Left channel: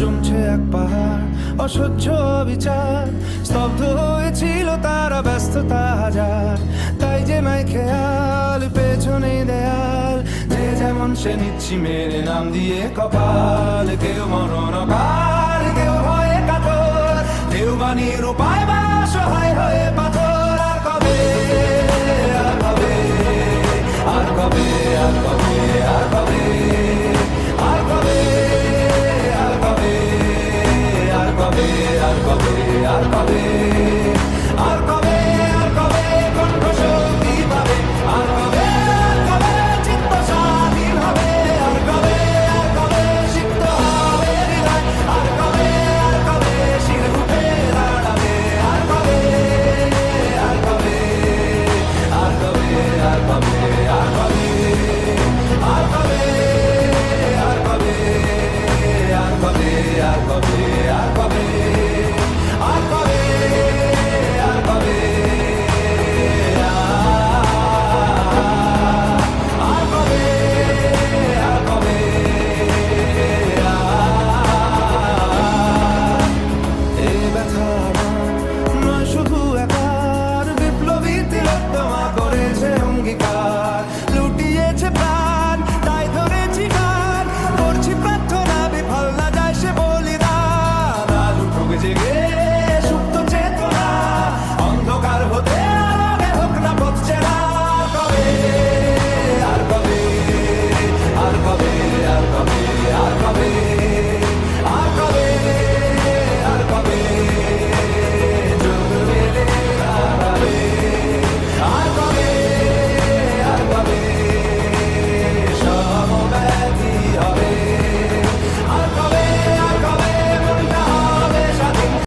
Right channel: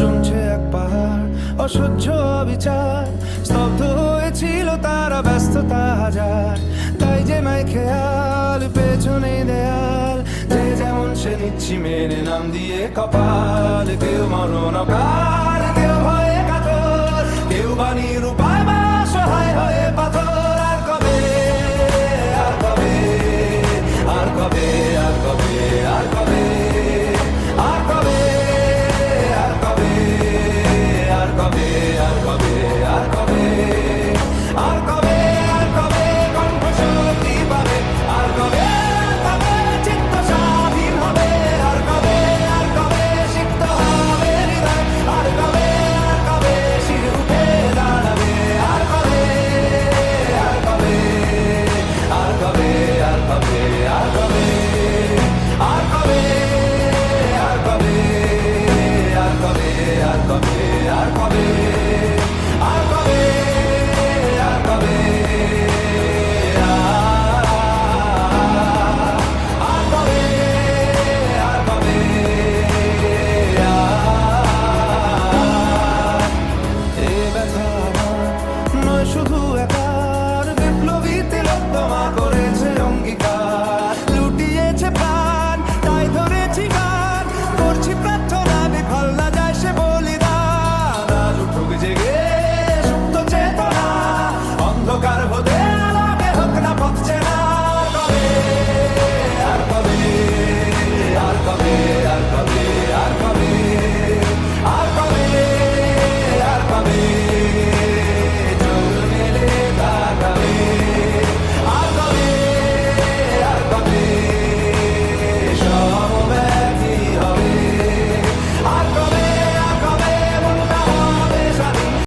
জমছে এক পাহাড় অসহ্য বিচার, স্তব্ধ হয়েছিল তারা ব্যস্ততা হাজার। তাই যে মাই খেয়াল পেছনে দেয়াল, যে যেমন সে নিচ্ছি মেরে নাম দিয়ে কপাল। কেউ